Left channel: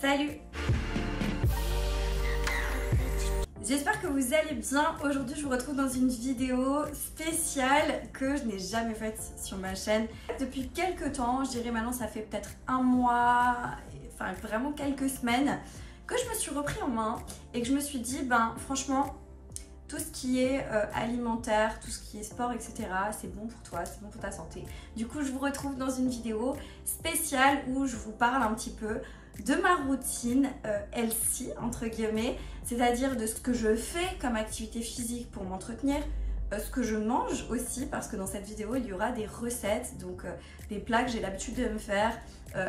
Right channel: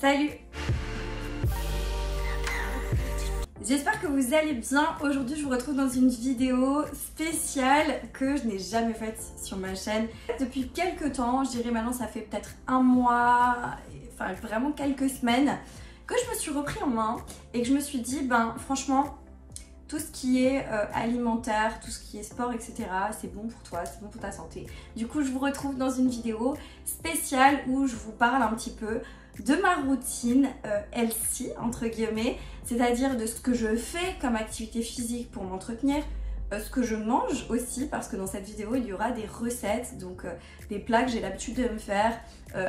Salut! J'espère que vous allez bien. Aujourd'hui, je vous retrouve dans une vidéo spéciale que je n'ai jamais faite sur ma chaîne. Depuis quelques temps, je dirais maintenant ça fait peut-être un mois, enfin vraiment quelques semaines, que je me suis repris en main et que je me suis dit, ben franchement, tout ce qui est alimentaire, tout ce qui est sport, etc., c'est bon pour toi, c'est bon pour ta santé. Du coup, je vous retrouve dans une vidéo spéciale où je vous parle un petit peu de ma routine healthy, entre guillemets, c'est-à-dire de ce que je fais comme activité physique pour m'entretenir, ce que je mange aussi, parce que dans cette vidéo, il y aura des recettes, donc des plats que j'ai l'habitude de me faire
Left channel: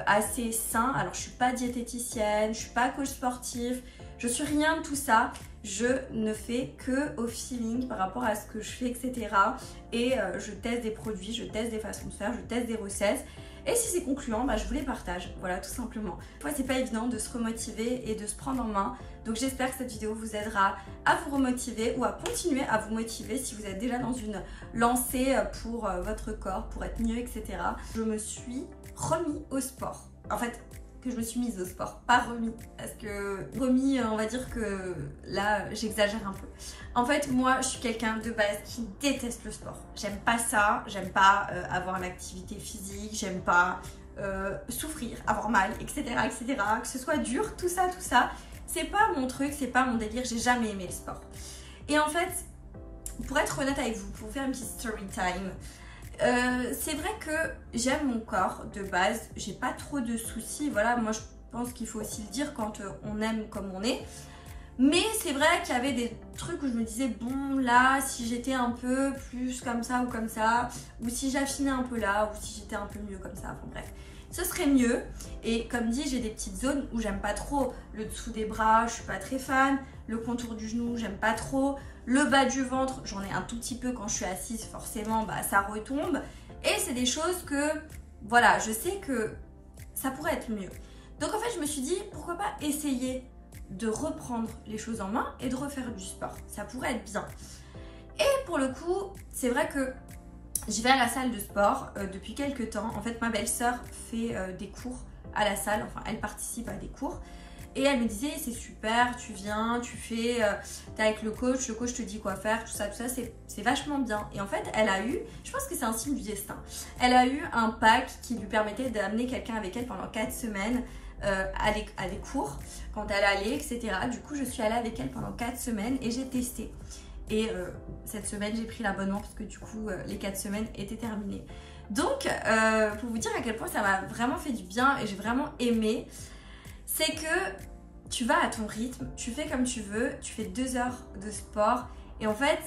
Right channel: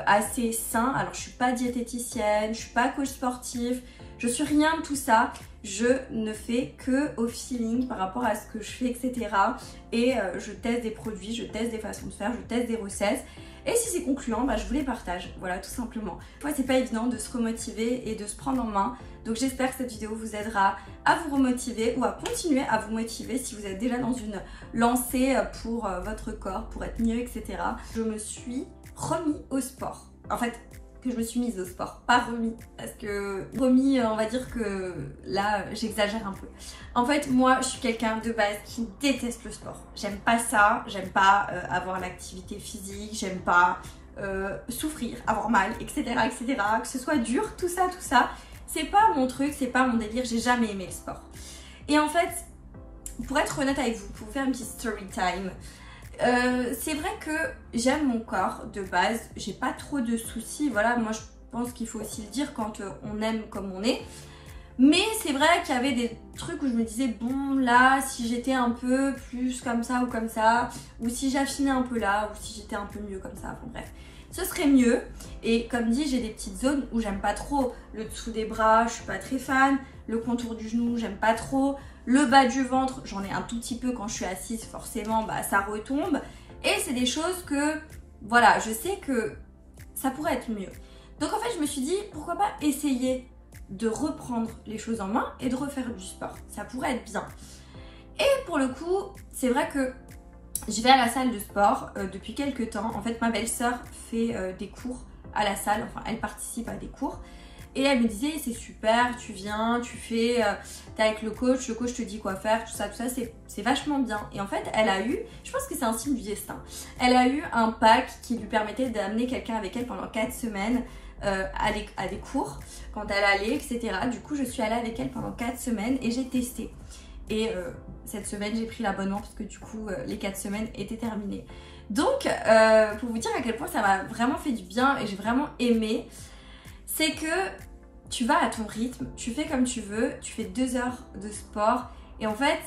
assez sains. Alors, je suis pas diététicienne, je suis pas coach sportif, je suis rien de tout ça. Je ne fais que au feeling par rapport à ce que je fais, etc. Et je teste des produits, je teste des façons de faire, je teste des recettes. Et si c'est concluant, bah, je vous les partage, voilà, tout simplement. Parfois, c'est pas évident de se remotiver et de se prendre en main. Donc j'espère que cette vidéo vous aidera à vous remotiver ou à continuer à vous motiver si vous êtes déjà dans une lancée pour votre corps, pour être mieux, etc. Je me suis remis au sport. En fait, que je me suis mise au sport, pas remis, parce que remis, on va dire que là, j'exagère un peu. En fait, moi, je suis quelqu'un de base qui déteste le sport. J'aime pas ça, j'aime pas avoir l'activité physique, j'aime pas souffrir, avoir mal, etc., etc., que ce soit dur, tout ça, c'est pas mon truc, c'est pas mon délire, j'ai jamais aimé le sport. Et en fait, pour être honnête avec vous, pour vous faire un petit story time, c'est vrai que j'aime mon corps de base, j'ai pas trop de soucis, voilà, moi je pense qu'il faut aussi le dire quand on aime comme on est. Mais c'est vrai qu'il y avait des trucs où je me disais, bon là, si j'étais un peu plus comme ça, ou si j'affinais un peu là, ou si j'étais un peu mieux comme ça, enfin bref, ce serait mieux. Et comme dit, j'ai des petites zones où j'aime pas trop. Le dessous des bras, je suis pas très fan. Le contour du genou, j'aime pas trop. Le bas du ventre, j'en ai un tout petit peu quand je suis assise, forcément, bah, ça retombe. Et c'est des choses que, voilà, je sais que ça pourrait être mieux. Donc en fait, je me suis dit, pourquoi pas essayer de reprendre les choses en main et de refaire du sport. Ça pourrait être bien. Et pour le coup, c'est vrai que je vais à la salle de sport depuis quelques temps. En fait, ma belle-sœur fait des cours à la salle, enfin, elle participe à des cours. Et elle me disait, c'est super, tu viens, tu fais, t'es avec le coach te dit quoi faire, tout ça, c'est vachement bien. Et en fait, elle a eu, je pense que c'est un signe du destin, elle a eu un pack qui lui permettait d'amener quelqu'un avec elle pendant 4 semaines à des cours, quand elle allait, etc. Du coup, je suis allée avec elle pendant 4 semaines et j'ai testé. Et cette semaine, j'ai pris l'abonnement parce que du coup, les 4 semaines étaient terminées. Donc, pour vous dire à quel point ça m'a vraiment fait du bien et j'ai vraiment aimé, c'est que tu vas à ton rythme, tu fais comme tu veux, tu fais 2 heures de sport et en fait,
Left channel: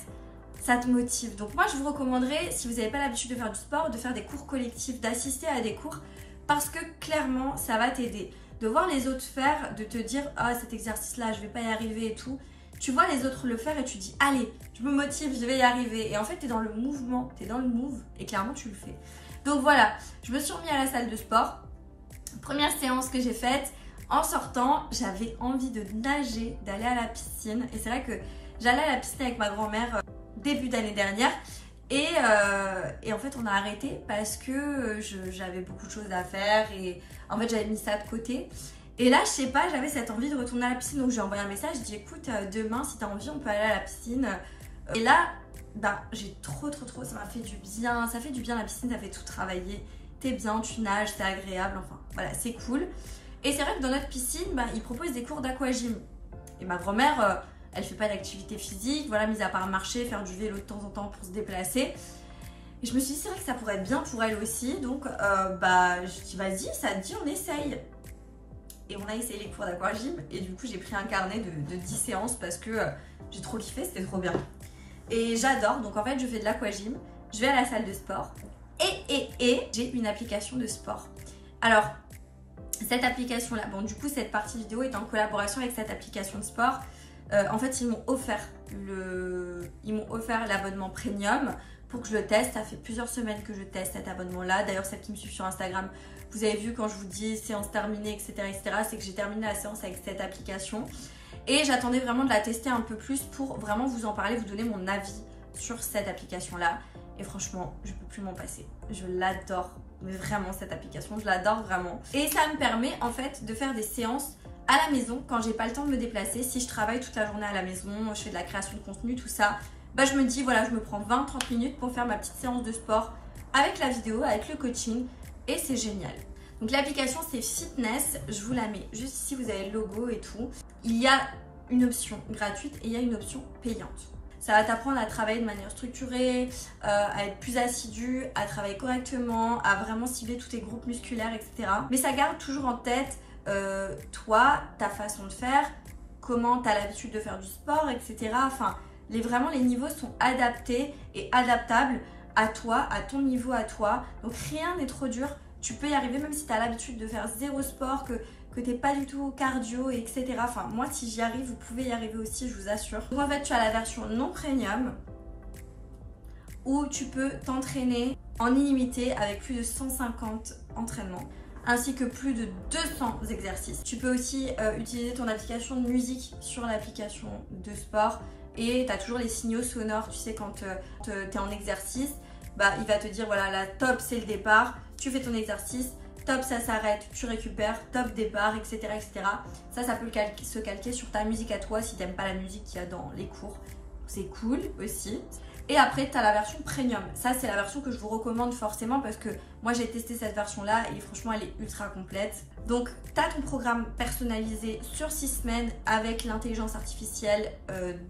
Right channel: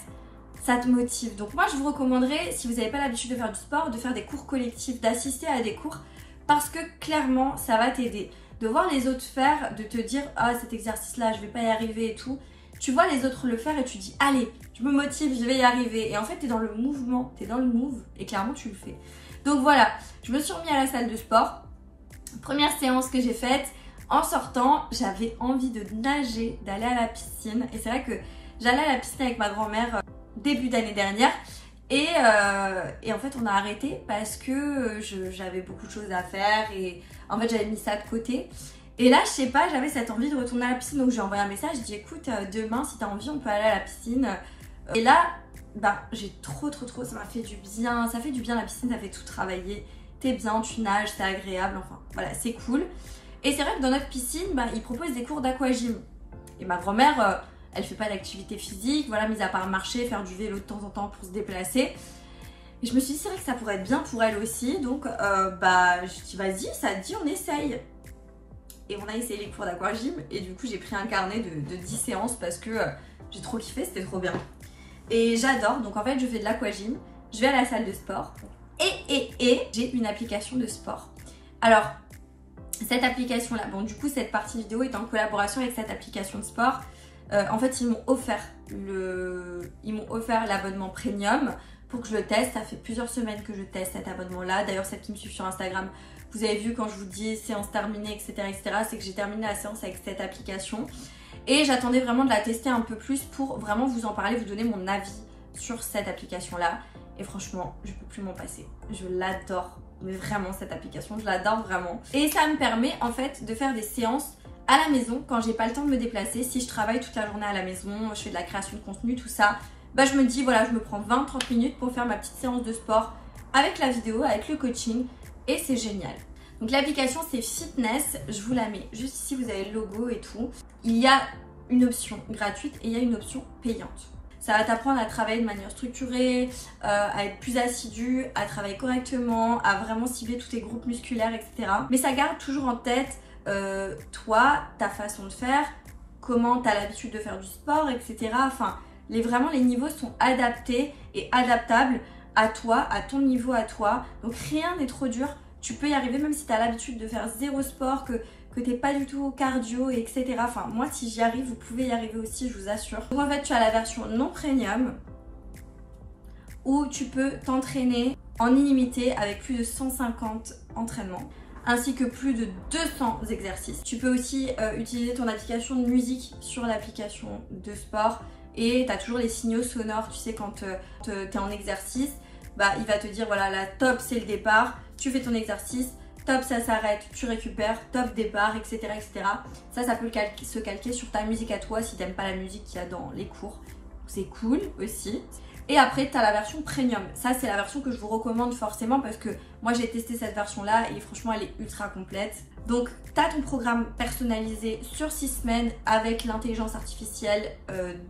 ça te motive. Donc moi, je vous recommanderais, si vous n'avez pas l'habitude de faire du sport, de faire des cours collectifs, d'assister à des cours parce que clairement, ça va t'aider. De voir les autres faire, de te dire « Ah, cet exercice-là, je vais pas y arriver et tout ». Tu vois les autres le faire et tu dis « Allez, je me motive, je vais y arriver ». Et en fait, tu es dans le mouvement, tu es dans le move et clairement, tu le fais. Donc voilà, je me suis remis à la salle de sport. Première séance que j'ai faite. En sortant, j'avais envie de nager, d'aller à la piscine. Et c'est vrai que j'allais à la piscine avec ma grand-mère début d'année dernière. Et en fait, on a arrêté parce que j'avais beaucoup de choses à faire. Et en fait, j'avais mis ça de côté. Et là, je sais pas, j'avais cette envie de retourner à la piscine. Donc, j'ai envoyé un message. J'ai dit, écoute, demain, si tu as envie, on peut aller à la piscine. Et là, bah, j'ai trop, ça m'a fait du bien. Ça fait du bien la piscine, ça fait tout travailler. T'es bien, tu nages, c'est agréable. Enfin, voilà, c'est cool. Et c'est vrai que dans notre piscine, bah, ils proposent des cours d'aquagym. Et ma grand-mère, elle fait pas d'activité physique, voilà, mis à part marcher, faire du vélo de temps en temps pour se déplacer. Et je me suis dit, c'est vrai que ça pourrait être bien pour elle aussi. Donc, bah, je dis, vas-y, ça te dit, on essaye. Et on a essayé les cours d'aquagym. Et du coup, j'ai pris un carnet de 10 séances parce que j'ai trop kiffé, c'était trop bien. Et j'adore. Donc, en fait, je fais de l'aquagym. Je vais à la salle de sport. Et j'ai une application de sport. Alors, cette application là, bon du coup cette partie vidéo est en collaboration avec cette application de sport. En fait ils m'ont offert l'abonnement premium pour que je le teste. Ça fait plusieurs semaines que je teste cet abonnement là. D'ailleurs celle qui me suit sur Instagram, vous avez vu quand je vous dis séance terminée, etc., c'est que j'ai terminé la séance avec cette application. Et j'attendais vraiment de la tester un peu plus pour vraiment vous en parler, vous donner mon avis sur cette application là. Et franchement, je peux plus m'en passer. Je l'adore, mais vraiment cette application, je l'adore vraiment. Et ça me permet en fait de faire des séances à la maison, quand j'ai pas le temps de me déplacer, si je travaille toute la journée à la maison, je fais de la création de contenu, tout ça, bah je me dis voilà, je me prends 20-30 minutes pour faire ma petite séance de sport avec la vidéo, avec le coaching et c'est génial. Donc l'application c'est Fitness, je vous la mets juste ici, vous avez le logo et tout. Il y a une option gratuite et il y a une option payante. Ça va t'apprendre à travailler de manière structurée, à être plus assidu, à travailler correctement, à vraiment cibler tous tes groupes musculaires, etc. Mais ça garde toujours en tête toi, ta façon de faire, comment tu as l'habitude de faire du sport, etc. Enfin, vraiment les niveaux sont adaptés et adaptables à toi, à ton niveau à toi. Donc rien n'est trop dur, tu peux y arriver même si tu as l'habitude de faire zéro sport, que tu n'es pas du tout cardio, etc. Enfin, moi si j'y arrive, vous pouvez y arriver aussi, je vous assure. Donc en fait, tu as la version non premium où tu peux t'entraîner en illimité avec plus de 150 entraînements ainsi que plus de 200 exercices. Tu peux aussi utiliser ton application de musique sur l'application de sport et tu as toujours les signaux sonores, tu sais quand tu es en exercice, bah, il va te dire voilà, la top c'est le départ, tu fais ton exercice, top ça s'arrête, tu récupères, top départ, etc. etc. Ça peut se calquer sur ta musique à toi si tu n'aimes pas la musique qu'il y a dans les cours. C'est cool aussi. Et après, tu as la version premium. Ça, c'est la version que je vous recommande forcément parce que moi, j'ai testé cette version-là et franchement, elle est ultra complète. Donc, tu as ton programme personnalisé sur 6 semaines avec l'intelligence artificielle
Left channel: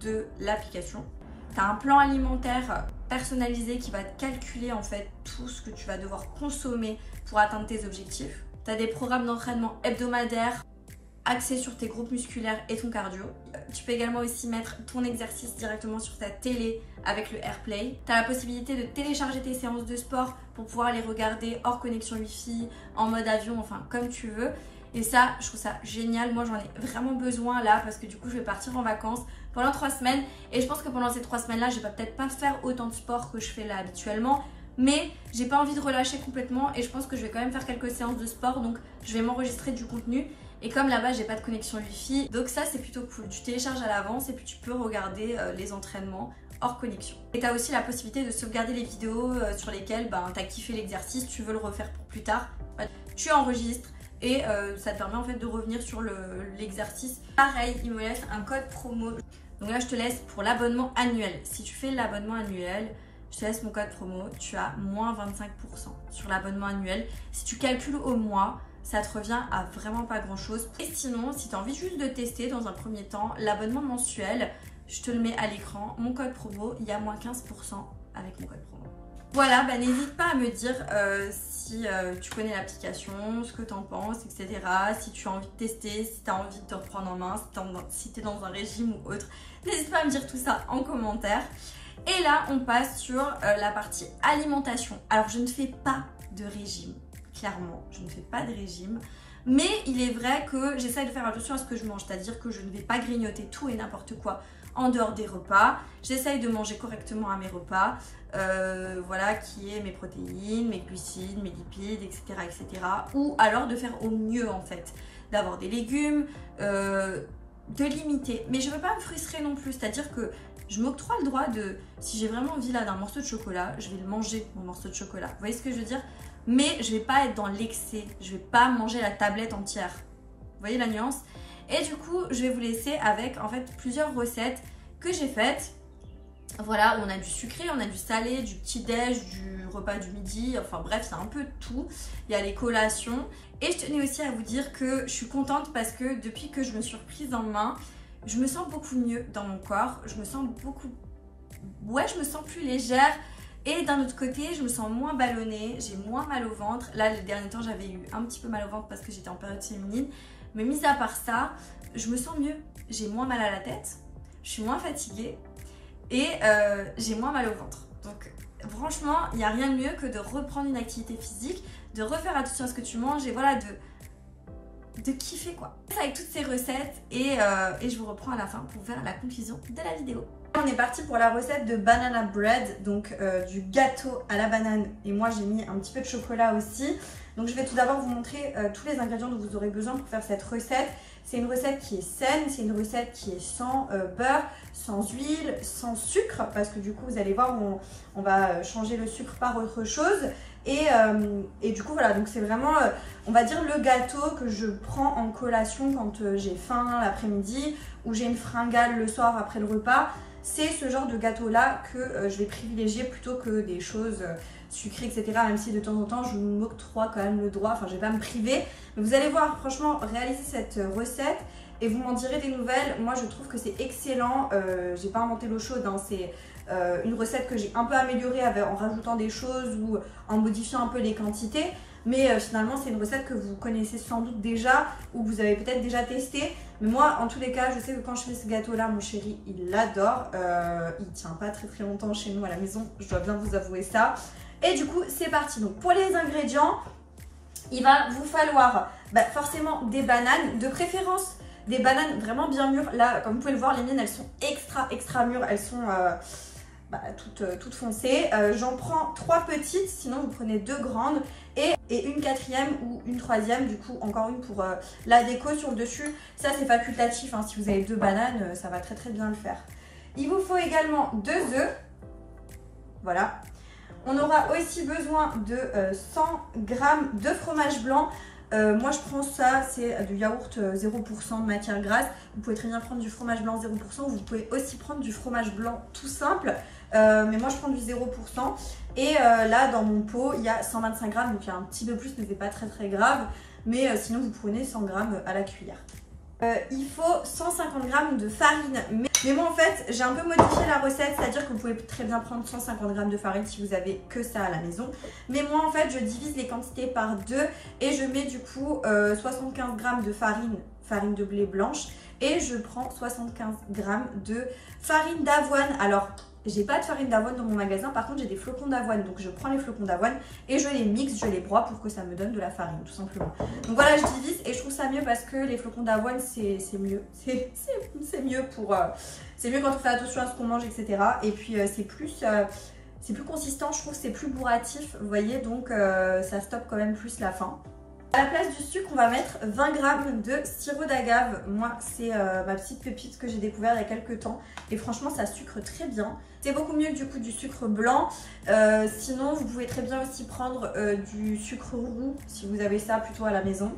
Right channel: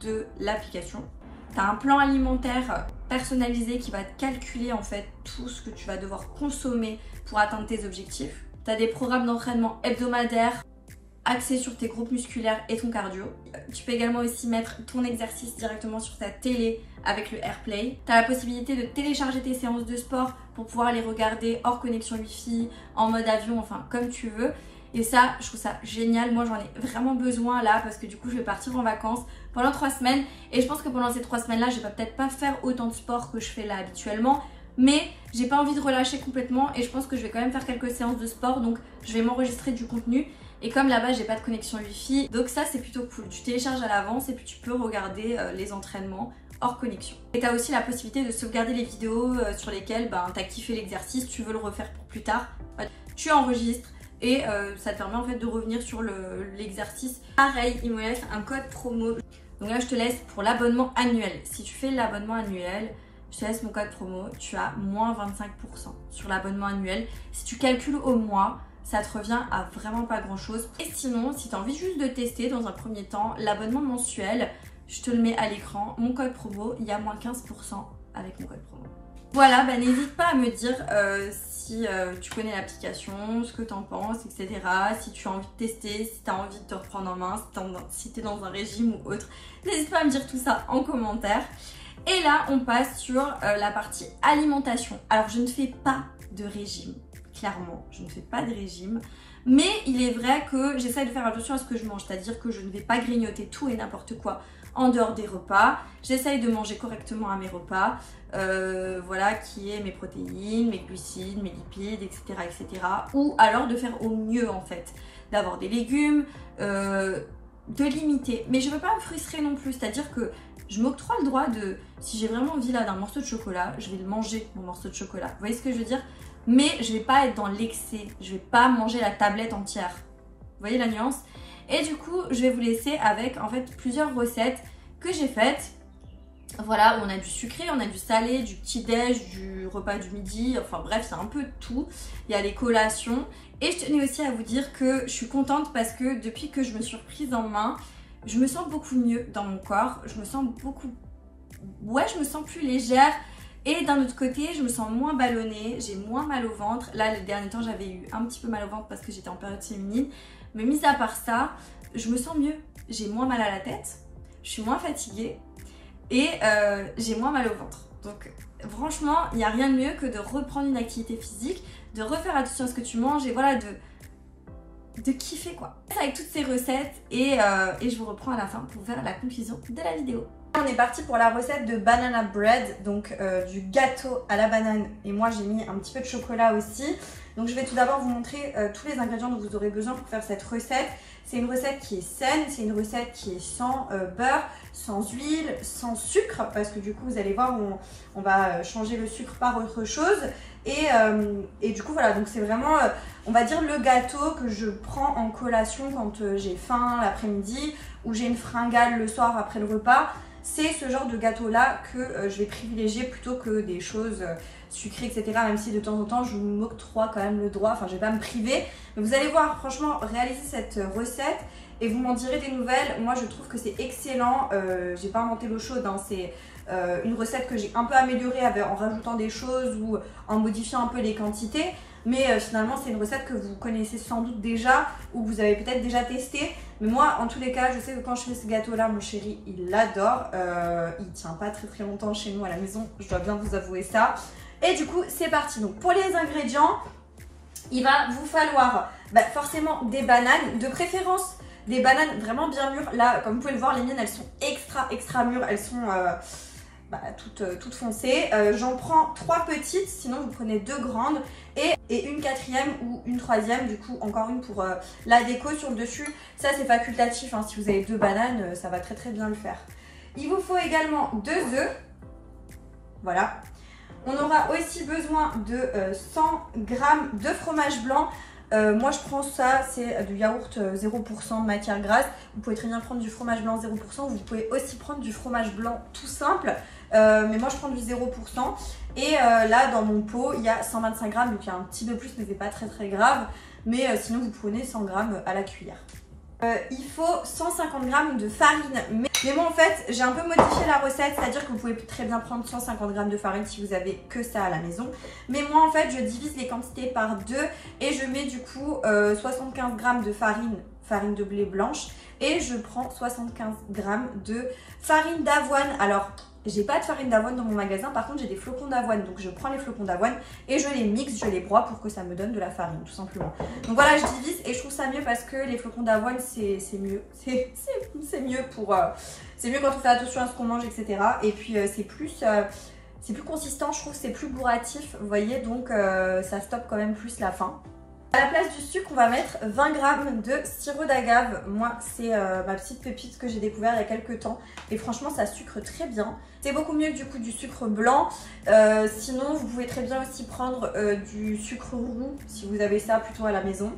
de l'application. Tu as un plan alimentaire personnalisé qui va te calculer en fait tout ce que tu vas devoir consommer pour atteindre tes objectifs. Tu as des programmes d'entraînement hebdomadaires axés sur tes groupes musculaires et ton cardio. Tu peux également aussi mettre ton exercice directement sur ta télé avec le AirPlay. Tu as la possibilité de télécharger tes séances de sport pour pouvoir les regarder hors connexion Wi-Fi, en mode avion, enfin comme tu veux. Et ça, je trouve ça génial. Moi, j'en ai vraiment besoin là parce que du coup, je vais partir en vacances pendant 3 semaines. Et je pense que pendant ces 3 semaines-là, je vais peut-être pas faire autant de sport que je fais là habituellement. Mais j'ai pas envie de relâcher complètement et je pense que je vais quand même faire quelques séances de sport. Donc, je vais m'enregistrer du contenu. Et comme là-bas, j'ai pas de connexion Wi-Fi, donc ça, c'est plutôt cool. Tu télécharges à l'avance et puis tu peux regarder les entraînements hors connexion. Et tu as aussi la possibilité de sauvegarder les vidéos sur lesquelles tu as kiffé l'exercice, tu veux le refaire pour plus tard. Tu enregistres et ça te permet en fait de revenir sur l'exercice. Pareil, il me laisse un code promo. Donc là, je te laisse pour l'abonnement annuel. Si tu fais l'abonnement annuel, je te laisse mon code promo. Tu as moins 25% sur l'abonnement annuel. Si tu calcules au mois, ça te revient à vraiment pas grand chose. Et sinon, si tu as envie juste de tester dans un premier temps l'abonnement mensuel, je te le mets à l'écran, mon code promo, il y a moins 15% avec mon code promo. Voilà, bah, n'hésite pas à me dire si tu connais l'application, ce que tu en penses, etc. Si tu as envie de tester, si tu as envie de te reprendre en main, si tu es dans un régime ou autre. N'hésite pas à me dire tout ça en commentaire. Et là, on passe sur la partie alimentation. Alors, je ne fais pas de régime. Clairement, je ne fais pas de régime, mais il est vrai que j'essaie de faire attention à ce que je mange, c'est-à-dire que je ne vais pas grignoter tout et n'importe quoi en dehors des repas. J'essaye de manger correctement à mes repas, voilà, qui est mes protéines, mes glucides, mes lipides, etc., etc. Ou alors de faire au mieux en fait, d'avoir des légumes, de limiter. Mais je ne veux pas me frustrer non plus, c'est-à-dire que je m'octroie le droit de, si j'ai vraiment envie là d'un morceau de chocolat, je vais le manger, mon morceau de chocolat. Vous voyez ce que je veux dire? Mais je vais pas être dans l'excès, je vais pas manger la tablette entière. Vous voyez la nuance? Et du coup, je vais vous laisser avec en fait plusieurs recettes que j'ai faites. Voilà, on a du sucré, on a du salé, du petit-déj, du repas du midi, enfin bref, c'est un peu tout. Il y a les collations. Et je tenais aussi à vous dire que je suis contente parce que depuis que je me suis reprise en main, je me sens beaucoup mieux dans mon corps. Je me sens beaucoup... Ouais, je me sens plus légère. Et d'un autre côté, je me sens moins ballonnée, j'ai moins mal au ventre. Là, les derniers temps, j'avais eu un petit peu mal au ventre parce que j'étais en période féminine. Mais mis à part ça, je me sens mieux. J'ai moins mal à la tête, je suis moins fatiguée et j'ai moins mal au ventre. Donc franchement, il n'y a rien de mieux que de reprendre une activité physique, de refaire attention à ce que tu manges et voilà, de kiffer quoi. Avec toutes ces recettes et je vous reprends à la fin pour faire la conclusion de la vidéo. On est parti pour la recette de banana bread, donc du gâteau à la banane. Et moi, j'ai mis un petit peu de chocolat aussi. Donc, je vais tout d'abord vous montrer tous les ingrédients dont vous aurez besoin pour faire cette recette. C'est une recette qui est saine, c'est une recette qui est sans beurre, sans huile, sans sucre. Parce que du coup, vous allez voir, on va changer le sucre par autre chose. Et du coup voilà, donc c'est vraiment on va dire le gâteau que je prends en collation quand j'ai faim l'après-midi ou j'ai une fringale le soir après le repas. C'est ce genre de gâteau là que je vais privilégier plutôt que des choses sucrées, etc. Même si de temps en temps je m'octroie quand même le droit, enfin je vais pas me priver. Mais vous allez voir, franchement, réaliser cette recette et vous m'en direz des nouvelles. Moi je trouve que c'est excellent, j'ai pas inventé l'eau chaude, hein. C'est une recette que j'ai un peu améliorée en rajoutant des choses ou en modifiant un peu les quantités. Mais finalement c'est une recette que vous connaissez sans doute déjà ou que vous avez peut-être déjà testé. Mais moi en tous les cas je sais que quand je fais ce gâteau là mon chéri il l'adore. Il tient pas très longtemps chez nous à la maison, je dois bien vous avouer ça. Et du coup c'est parti. Donc pour les ingrédients il va vous falloir forcément des bananes, de préférence des bananes vraiment bien mûres. Là comme vous pouvez le voir les miennes elles sont extra mûres, elles sont toutes foncées. J'en prends 3 petites, sinon vous prenez 2 grandes et une 4e ou une 3e, du coup encore une pour la déco sur le dessus. Ça c'est facultatif, hein. Si vous avez 2 bananes ça va très bien le faire. Il vous faut également 2 œufs, voilà. On aura aussi besoin de 100 g de fromage blanc. Moi je prends ça, c'est du yaourt 0% de matière grasse. Vous pouvez très bien prendre du fromage blanc 0%, vous pouvez aussi prendre du fromage blanc tout simple. Mais moi je prends du 0%. Et là dans mon pot il y a 125 g, donc il y a un petit peu plus mais c'est pas très grave. Mais sinon vous prenez 100 g à la cuillère. Il faut 150 g de farine. Mais moi en fait j'ai un peu modifié la recette, c'est-à-dire que vous pouvez très bien prendre 150 g de farine si vous avez que ça à la maison. Mais moi en fait je divise les quantités par 2 et je mets du coup 75 g de farine de blé blanche et je prends 75 g de farine d'avoine. Alors j'ai pas de farine d'avoine dans mon magasin, par contre j'ai des flocons d'avoine, donc je prends les flocons d'avoine et je les mixe, je les broie pour que ça me donne de la farine tout simplement. Donc voilà, je divise et je trouve ça mieux parce que les flocons d'avoine c'est mieux, c'est mieux pour c'est mieux quand on fait attention à ce qu'on mange, etc. Et puis c'est plus consistant, je trouve, c'est plus bourratif, vous voyez, donc ça stoppe quand même plus la faim. À la place du sucre, on va mettre 20 g de sirop d'agave. Moi, c'est ma petite pépite que j'ai découvert il y a quelques temps. Et franchement, ça sucre très bien. C'est beaucoup mieux du coup du sucre blanc. Sinon, vous pouvez très bien aussi prendre du sucre roux, si vous avez ça plutôt à la maison.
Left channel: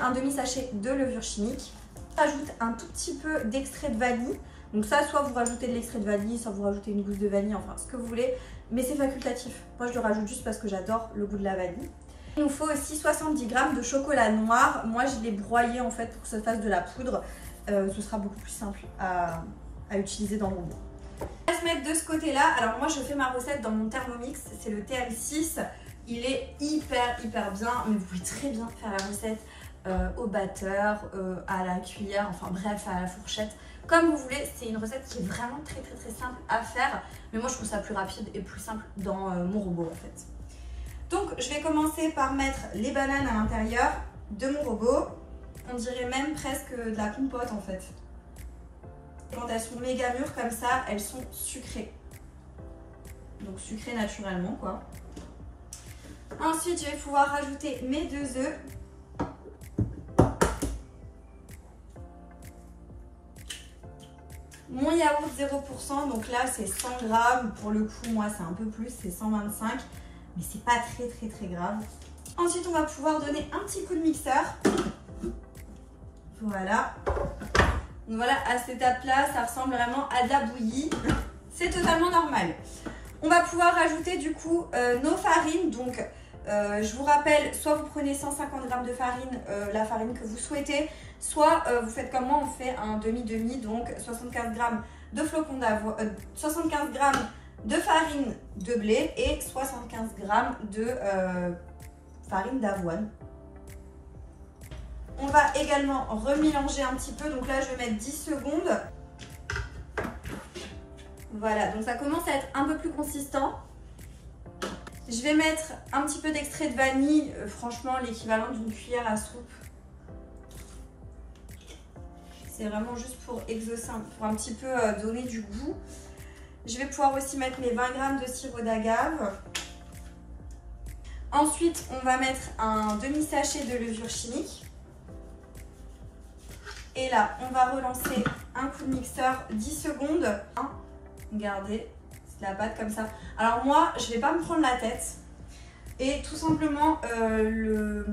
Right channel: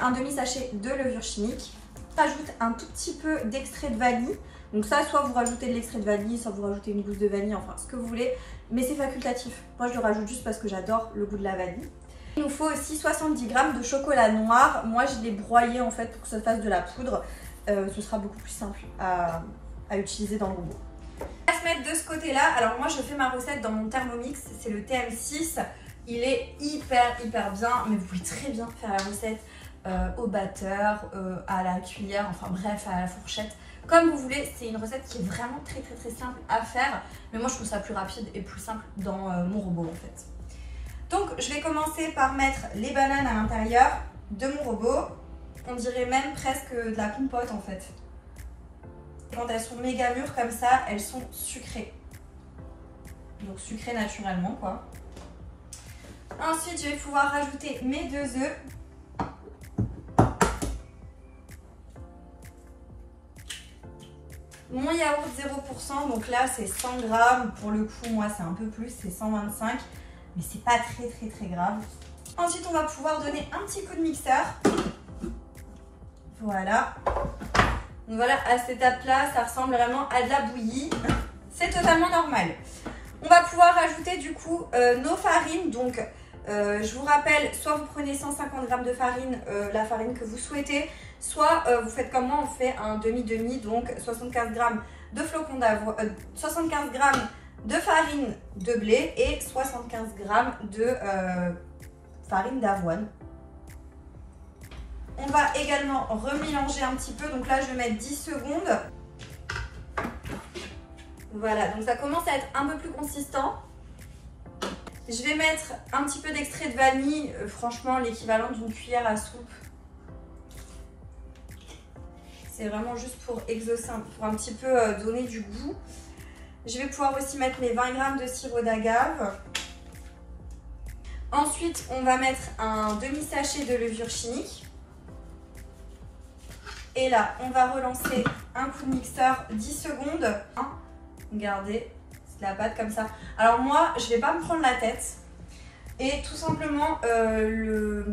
Un demi-sachet de levure chimique. J'ajoute un tout petit peu d'extrait de vanille. Donc ça, soit vous rajoutez de l'extrait de vanille, soit vous rajoutez une gousse de vanille, enfin ce que vous voulez. Mais c'est facultatif. Moi, je le rajoute juste parce que j'adore le goût de la vanille. Il nous faut aussi 70 g de chocolat noir. Moi, je l'ai broyé en fait pour que ça fasse de la poudre. Ce sera beaucoup plus simple à utiliser dans le robot. On va se mettre de ce côté-là. Alors moi, je fais ma recette dans mon Thermomix. C'est le TM6. Il est hyper bien. Mais vous pouvez très bien faire la recette au batteur, à la cuillère, enfin bref, à la fourchette. Comme vous voulez, c'est une recette qui est vraiment très simple à faire. Mais moi, je trouve ça plus rapide et plus simple dans mon robot en fait. Donc je vais commencer par mettre les bananes à l'intérieur de mon robot. On dirait même presque de la compote en fait. Quand elles sont méga mûres comme ça, elles sont sucrées. Donc sucrées naturellement quoi. Ensuite je vais pouvoir rajouter mes 2 œufs. Mon yaourt 0%, donc là c'est 100 g. Pour le coup moi c'est un peu plus, c'est 125. Mais c'est pas très grave. Ensuite, on va pouvoir donner un petit coup de mixeur. Voilà. Donc voilà, à cette étape-là, ça ressemble vraiment à de la bouillie. C'est totalement normal. On va pouvoir rajouter du coup nos farines. Donc, je vous rappelle, soit vous prenez 150 g de farine, la farine que vous souhaitez, soit vous faites comme moi, on fait un demi-demi, donc 75 g de flocons d'avoine, 75 g de farine de blé et 75 g de farine d'avoine. On va également remélanger un petit peu, donc là je vais mettre 10 secondes. Voilà, donc ça commence à être un peu plus consistant. Je vais mettre un petit peu d'extrait de vanille, franchement l'équivalent d'une cuillère à soupe. C'est vraiment juste pour exaucer, pour un petit peu donner du goût. Je vais pouvoir aussi mettre mes 20 g de sirop d'agave. Ensuite, on va mettre un demi-sachet de levure chimique. Et là, on va relancer un coup de mixeur 10 secondes. Regardez, c'est de la pâte comme ça. Alors moi, je ne vais pas me prendre la tête. Et tout simplement le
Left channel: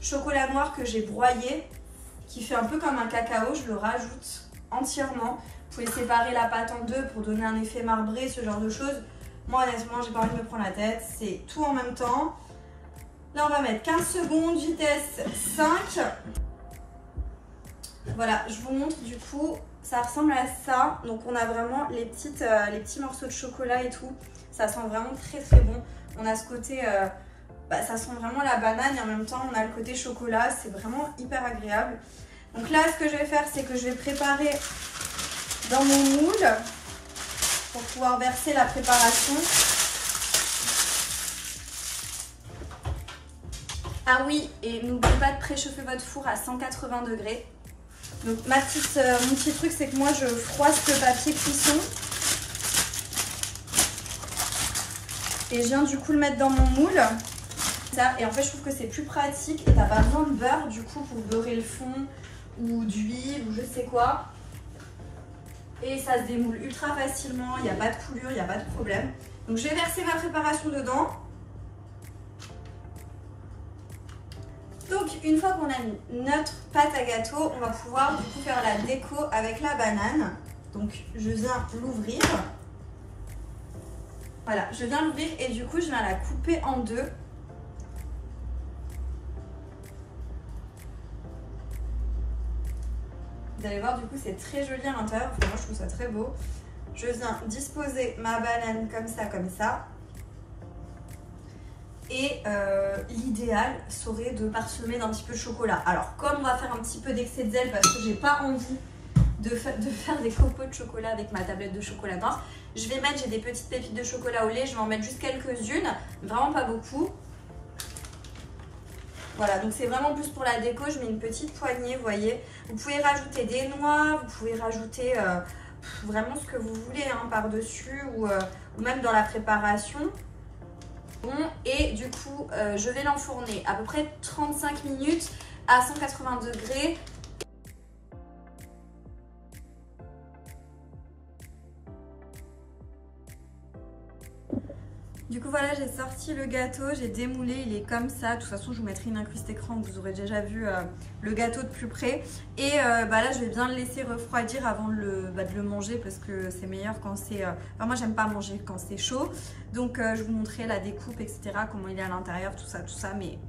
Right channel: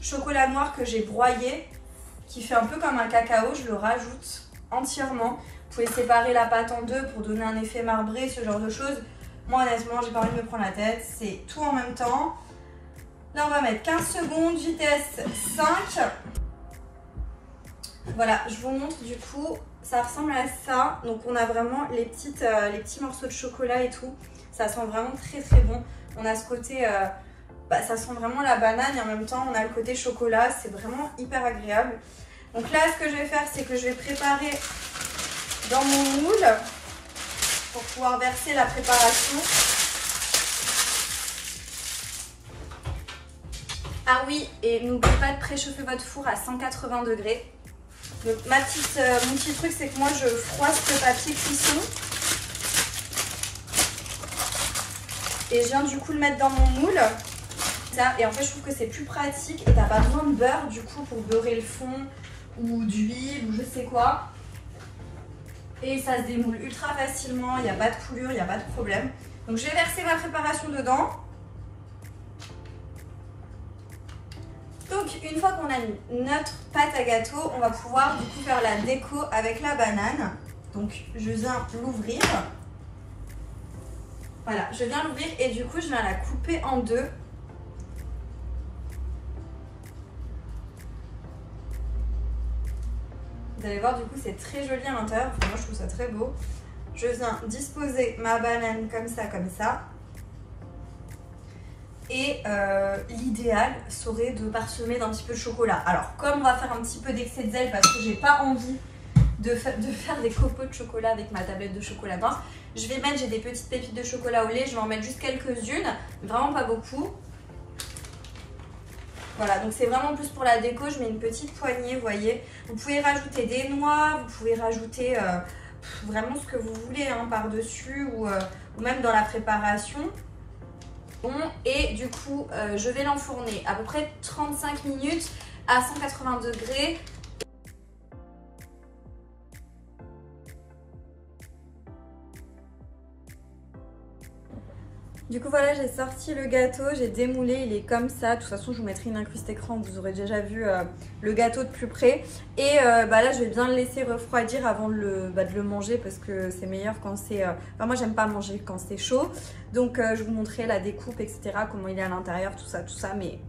chocolat noir que j'ai broyé, qui fait un peu comme un cacao, je le rajoute entièrement. Vous pouvez séparer la pâte en deux pour donner un effet marbré, ce genre de choses. Moi honnêtement, j'ai pas envie de me prendre la tête, c'est tout en même temps. Là on va mettre 15 secondes, vitesse 5. Voilà, je vous montre du coup, ça ressemble à ça. Donc on a vraiment les petits morceaux de chocolat et tout. Ça sent vraiment très très bon. On a ce côté, ça sent vraiment la banane et en même temps on a le côté chocolat. C'est vraiment hyper agréable. Donc là ce que je vais faire, c'est que je vais préparer dans mon moule pour pouvoir verser la préparation. Ah oui, et n'oubliez pas de préchauffer votre four à 180 degrés. Donc mon petit truc, c'est que moi je froisse le papier cuisson. Et je viens du coup le mettre dans mon moule. Et en fait je trouve que c'est plus pratique et t'as pas besoin de beurre du coup pour beurrer le fond ou d'huile ou je sais quoi. Et ça se démoule ultra facilement, il n'y a pas de coulure, il n'y a pas de problème. Donc je vais verser ma préparation dedans. Donc une fois qu'on a notre pâte à gâteau, on va pouvoir du coup faire la déco avec la banane. Donc je viens l'ouvrir. Voilà, je viens l'ouvrir et du coup je viens la couper en deux. Vous allez voir, du coup c'est très joli à l'intérieur, enfin, moi je trouve ça très beau. Je viens disposer ma banane comme ça. Et l'idéal serait de parsemer d'un petit peu de chocolat. Alors comme on va faire un petit peu d'excès de zèle parce que j'ai pas envie de faire des copeaux de chocolat avec ma tablette de chocolat blanc, je vais mettre, j'ai des petites pépites de chocolat au lait, je vais en mettre juste quelques-unes, vraiment pas beaucoup. Voilà, donc c'est vraiment plus pour la déco, je mets une petite poignée, vous voyez. Vous pouvez rajouter des noix, vous pouvez rajouter vraiment ce que vous voulez hein, par-dessus ou même dans la préparation. Bon, et du coup, je vais l'enfourner à peu près 35 minutes à 180 degrés. Du coup voilà, j'ai sorti le gâteau, j'ai démoulé, il est comme ça. De toute façon je vous mettrai une incruste écran, vous aurez déjà vu le gâteau de plus près. Et là je vais bien le laisser refroidir avant de le manger parce que c'est meilleur quand c'est... Enfin moi j'aime pas manger quand c'est chaud. Donc je vous montrerai la découpe etc, comment il est à l'intérieur, tout ça. Mais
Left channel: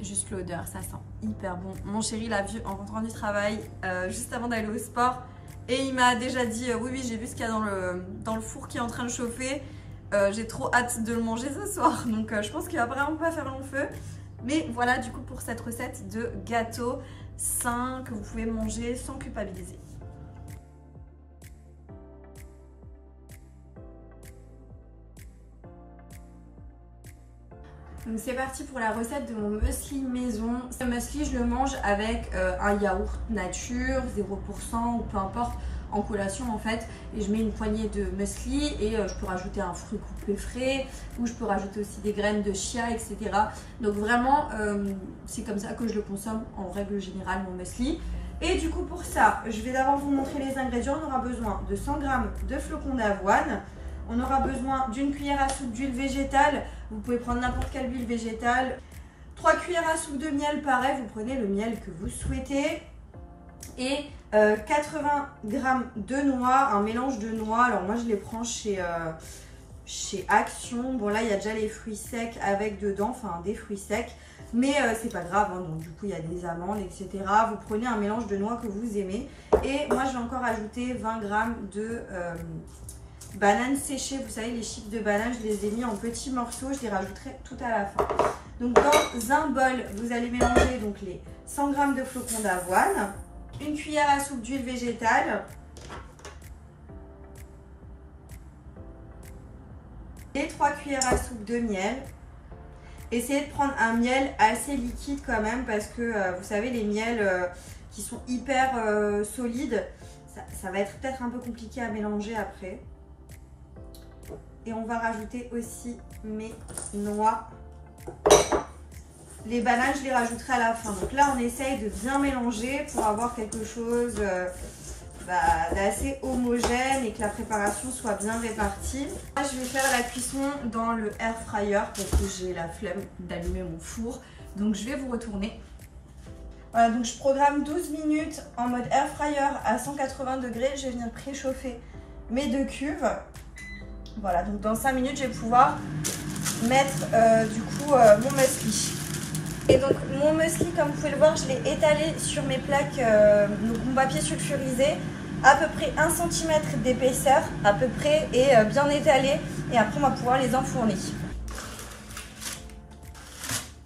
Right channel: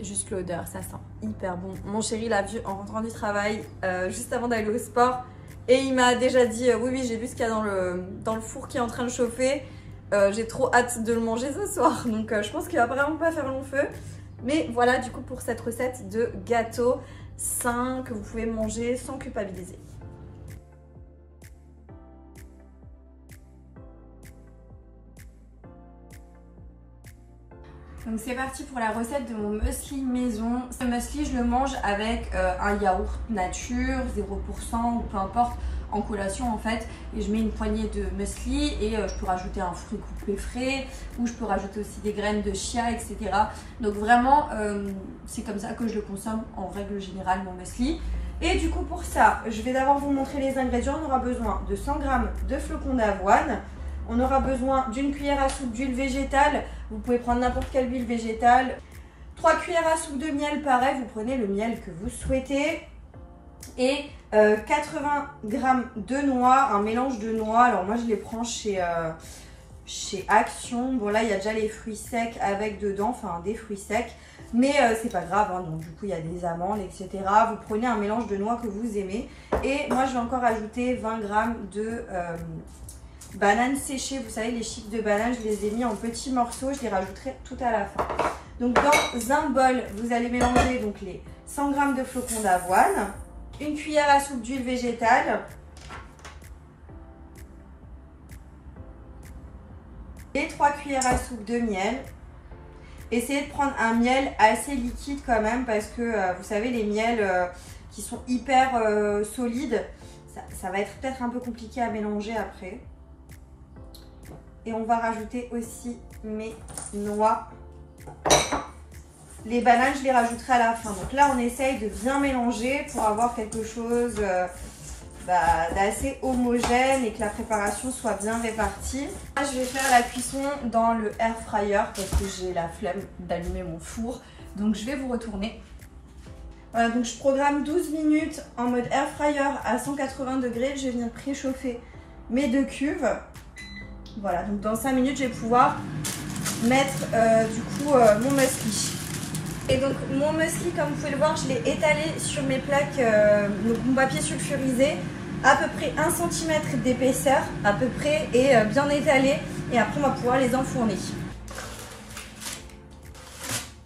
juste l'odeur, ça sent hyper bon. Mon chéri l'a vu en rentrant du travail juste avant d'aller au sport. Et il m'a déjà dit oui j'ai vu ce qu'il y a dans le four qui est en train de chauffer. J'ai trop hâte de le manger ce soir, donc je pense qu'il va vraiment pas faire long feu. Mais voilà du coup pour cette recette de gâteau sain que vous pouvez manger sans culpabiliser. Donc c'est parti pour la recette de mon muesli maison. Ce muesli je le mange avec un yaourt nature, 0% ou peu importe, en collation en fait, et je mets une poignée de muesli et je peux rajouter un fruit coupé frais ou je peux rajouter aussi des graines de chia etc. Donc vraiment c'est comme ça que je le consomme en règle générale mon muesli. Et du coup pour ça je vais d'abord vous montrer les ingrédients. On aura besoin de 100 g de flocons d'avoine, on aura besoin d'une cuillère à soupe d'huile végétale, vous pouvez prendre n'importe quelle huile végétale, 3 cuillères à soupe de miel, pareil vous prenez le miel que vous souhaitez, et 80 g de noix, un mélange de noix. Alors moi je les prends chez Action. Bon là il y a déjà les fruits secs avec dedans, enfin des fruits secs, mais c'est pas grave hein. Donc du coup il y a des amandes etc. Vous prenez un mélange de noix que vous aimez. Et moi je vais encore ajouter 20 g de bananes séchées. Vous savez les chips de banane, je les ai mis en petits morceaux, je les rajouterai tout à la fin. Donc dans un bol vous allez mélanger donc les 100 g de flocons d'avoine, une cuillère à soupe d'huile végétale et 3 cuillères à soupe de miel. Essayez de prendre un miel assez liquide quand même parce que vous savez les miels qui sont hyper solides, ça va être peut-être un peu compliqué à mélanger après. Et on va rajouter aussi mes noix. Les bananes, je les rajouterai à la fin. Donc là, on essaye de bien mélanger pour avoir quelque chose d'assez homogène et que la préparation soit bien répartie. Là, je vais faire la cuisson dans le air fryer parce que j'ai la flemme d'allumer mon four. Donc je vais vous retourner. Voilà, donc je programme 12 minutes en mode air fryer à 180 degrés. Je vais venir préchauffer mes 2 cuves. Voilà, donc dans 5 minutes, je vais pouvoir mettre mon muesli. Et donc mon muesli, comme vous pouvez le voir, je l'ai étalé sur mes plaques, donc mon papier sulfurisé, à peu près 1 cm d'épaisseur, à peu près, et bien étalé. Et après, on va pouvoir les enfourner.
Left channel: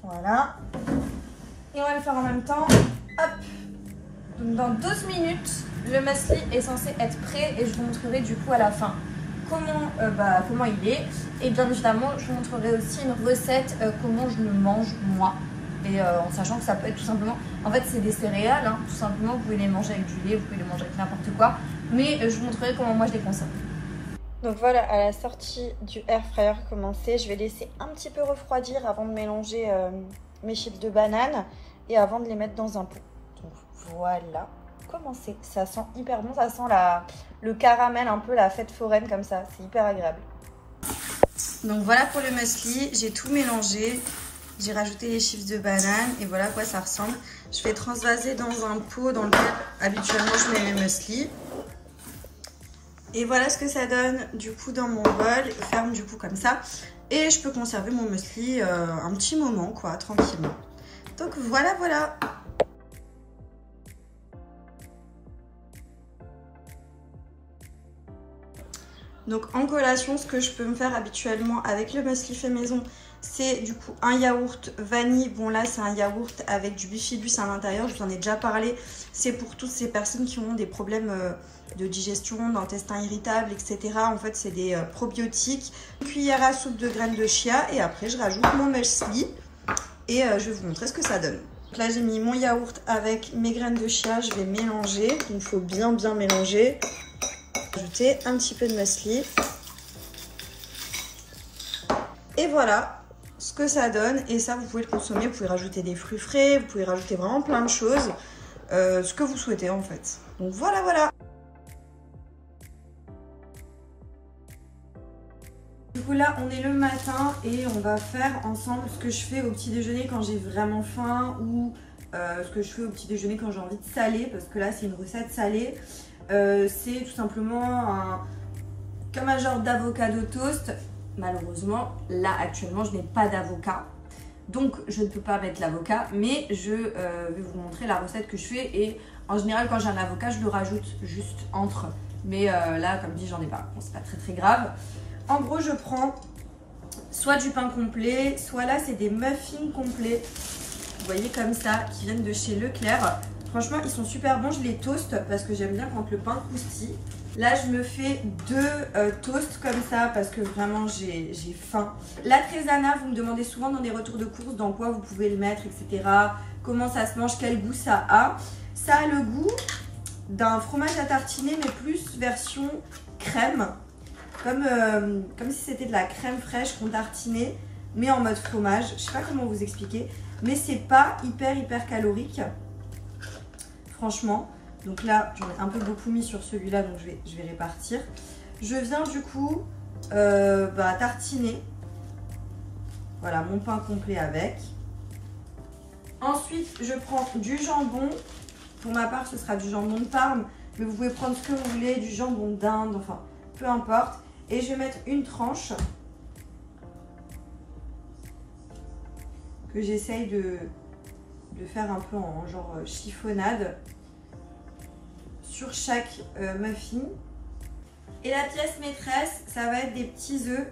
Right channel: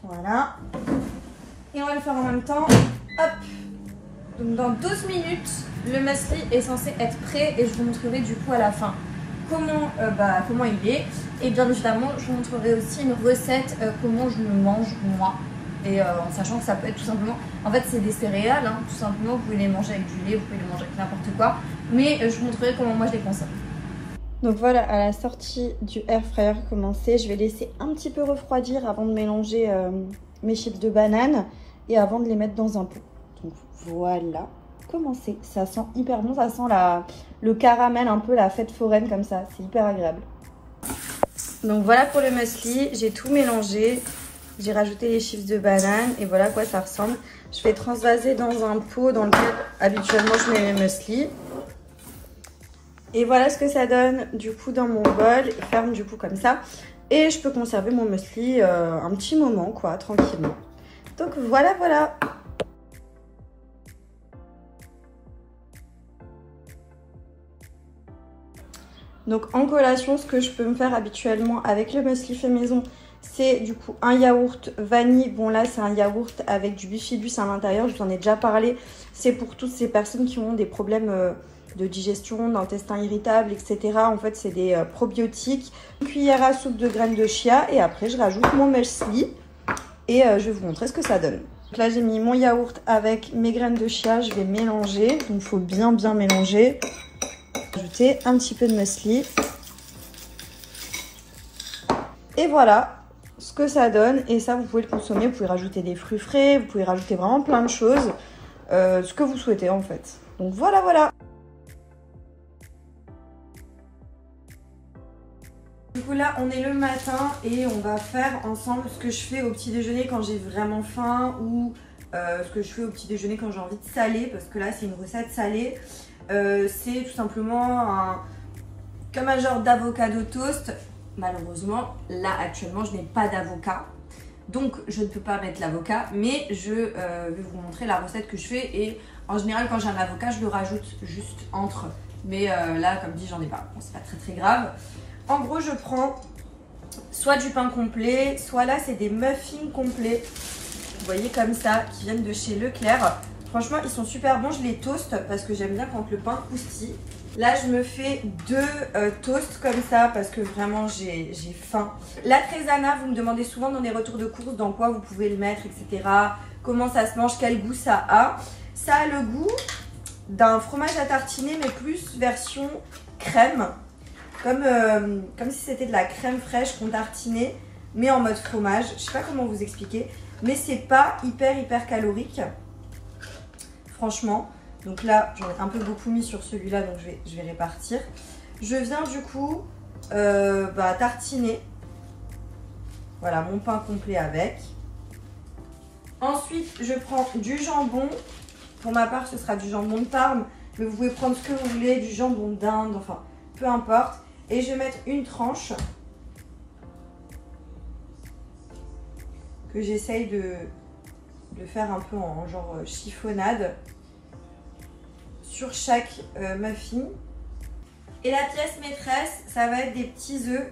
Voilà. Et on va le faire en même temps. Hop. Donc dans 12 minutes, le muesli est censé être prêt et je vous montrerai du coup à la fin comment il est. Et bien évidemment, je vous montrerai aussi une recette comment je le mange moi. Et en sachant que ça peut être tout simplement, en fait c'est des céréales, hein, tout simplement, vous pouvez les manger avec du lait, vous pouvez les manger avec n'importe quoi. Mais je vous montrerai comment moi je les consomme. Donc voilà, à la sortie du air fryer commencé, je vais laisser un petit peu refroidir avant de mélanger mes chips de banane et avant de les mettre dans un pot. Donc voilà, commencé. Ça sent hyper bon, ça sent le caramel, un peu la fête foraine comme ça, c'est hyper agréable. Donc voilà pour le muesli, j'ai tout mélangé. J'ai rajouté les chips de banane et voilà à quoi ça ressemble. Je vais transvaser dans un pot dans lequel habituellement je mets mes muesli. Et voilà ce que ça donne du coup dans mon bol. Il ferme du coup comme ça. Et je peux conserver mon muesli un petit moment quoi, tranquillement. Donc voilà, voilà. Donc en collation, ce que je peux me faire habituellement avec le muesli fait maison, c'est du coup un yaourt vanille. Bon là c'est un yaourt avec du bifidus à l'intérieur, je vous en ai déjà parlé. C'est pour toutes ces personnes qui ont des problèmes de digestion, d'intestin irritable, etc. En fait c'est des probiotiques. Une cuillère à soupe de graines de chia et après je rajoute mon muesli et je vais vous montrer ce que ça donne. Donc là j'ai mis mon yaourt avec mes graines de chia, je vais mélanger. Il faut bien mélanger. Ajouter un petit peu de muesli. Et voilà ce que ça donne. Et ça, vous pouvez le consommer. Vous pouvez rajouter des fruits frais. Vous pouvez rajouter vraiment plein de choses. Ce que vous souhaitez en fait. Donc voilà, voilà. Du coup là, on est le matin et on va faire ensemble ce que je fais au petit déjeuner quand j'ai vraiment faim ou ce que je fais au petit déjeuner quand j'ai envie de saler. Parce que là, c'est une recette salée. C'est tout simplement comme un genre d'avocado toast. Malheureusement, là actuellement, je n'ai pas d'avocat. Donc, je ne peux pas mettre l'avocat. Mais je vais vous montrer la recette que je fais. Et en général, quand j'ai un avocat, je le rajoute juste entre. Mais là, comme dit, j'en ai pas. Bon, c'est pas très grave. En gros, je prends soit du pain complet, soit là, c'est des muffins complets. Vous voyez comme ça, qui viennent de chez Leclerc. Franchement, ils sont super bons. Je les toast parce que j'aime bien quand le pain croustille. Là, je me fais 2 toasts comme ça parce que vraiment, j'ai faim. La trésana, vous me demandez souvent dans les retours de course dans quoi vous pouvez le mettre, etc. Comment ça se mange, quel goût ça a. Ça a le goût d'un fromage à tartiner, mais plus version crème. Comme si c'était de la crème fraîche qu'on tartinait, mais en mode fromage. Je sais pas comment vous expliquer, mais c'est pas hyper calorique. Franchement, donc là j'en ai un peu beaucoup mis sur celui-là, donc je vais répartir. Je viens du coup tartiner, voilà mon pain complet avec. Ensuite je prends du jambon, pour ma part ce sera du jambon de Parme, mais vous pouvez prendre ce que vous voulez, du jambon d'Inde, enfin peu importe. Et je vais mettre une tranche que j'essaye de faire un peu en genre chiffonnade sur chaque muffin. Et la pièce maîtresse, ça va être des petits œufs,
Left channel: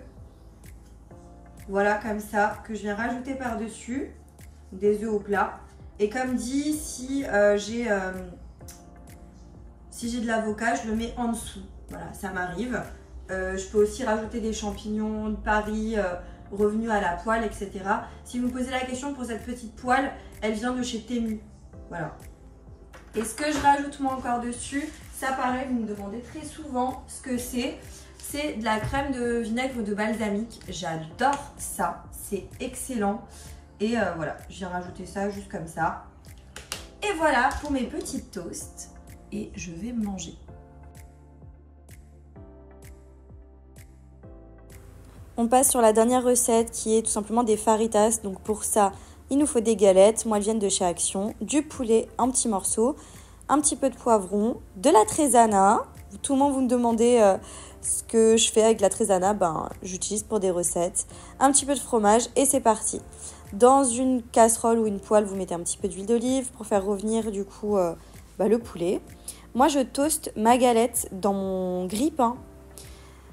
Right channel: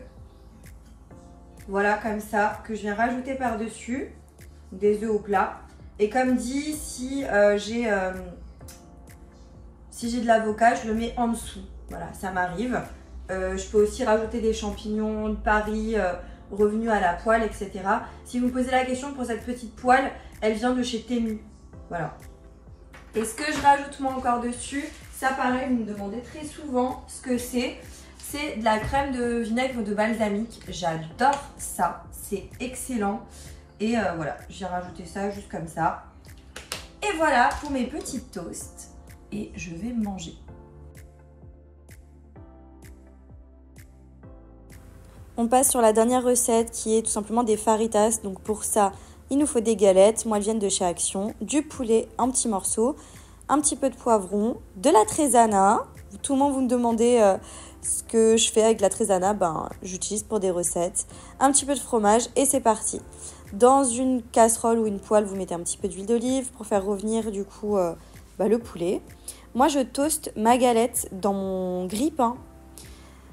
voilà comme ça, que je viens rajouter par dessus, des œufs au plat. Et comme dit, si j'ai de l'avocat, je le mets en dessous, voilà, ça m'arrive. Je peux aussi rajouter des champignons de Paris revenus à la poêle, etc. Si vous me posez la question pour cette petite poêle, elle vient de chez Temu. Voilà. Et ce que je rajoute moi encore dessus, ça pareil, vous me demandez très souvent ce que c'est. C'est de la crème de vinaigre de balsamique. J'adore ça, c'est excellent. Et voilà, j'ai rajouté ça juste comme ça. Et voilà pour mes petits toasts. et je vais manger. On passe sur la dernière recette qui est tout simplement des fajitas. Donc pour ça, il nous faut des galettes. Moi, elles viennent de chez Action, du poulet en petits morceaux, un petit peu de poivron, de la trésana. Tout le monde vous me demandez ce que je fais avec la trésana. Ben, j'utilise pour des recettes. Un petit peu de fromage et c'est parti. Dans une casserole ou une poêle, vous mettez un petit peu d'huile d'olive pour faire revenir du coup le poulet. Moi, je toaste ma galette dans mon grille-pain.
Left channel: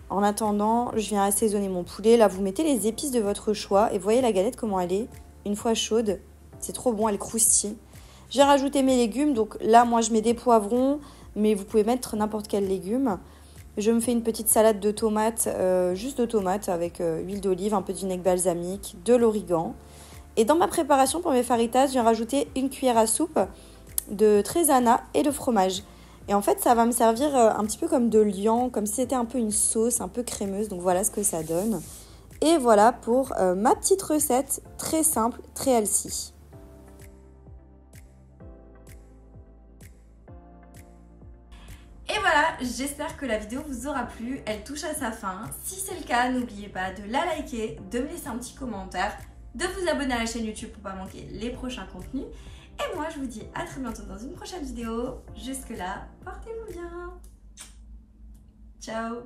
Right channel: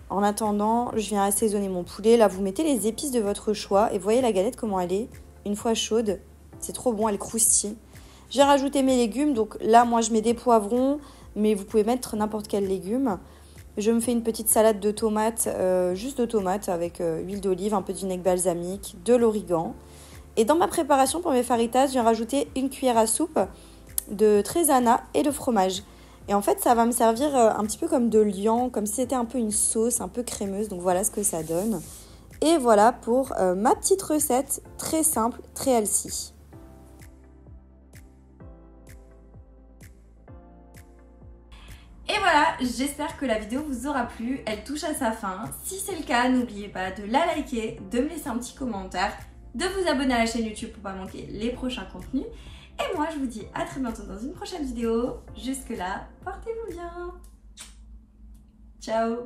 En attendant, je viens assaisonner mon poulet. Là, vous mettez les épices de votre choix. Et vous voyez la galette, comment elle est. Une fois chaude, c'est trop bon, elle croustille. J'ai rajouté mes légumes. Donc là, moi, je mets des poivrons. Mais vous pouvez mettre n'importe quel légume. Je me fais une petite salade de tomates, juste de tomates avec huile d'olive, un peu de vinaigre balsamique, de l'origan. Et dans ma préparation pour mes fajitas, je viens rajouter une cuillère à soupe de trésana et de fromage. Et en fait, ça va me servir un petit peu comme de liant, comme si c'était un peu une sauce un peu crémeuse. Donc voilà ce que ça donne. Et voilà pour ma petite recette très simple, très healthy. Et voilà, j'espère que la vidéo vous aura plu. Elle touche à sa fin. Si c'est le cas, n'oubliez pas de la liker, de me laisser un petit commentaire, de vous abonner à la chaîne YouTube pour ne pas manquer les prochains contenus. Et moi, je vous dis à très bientôt dans une prochaine vidéo. Jusque là, portez-vous bien. Ciao.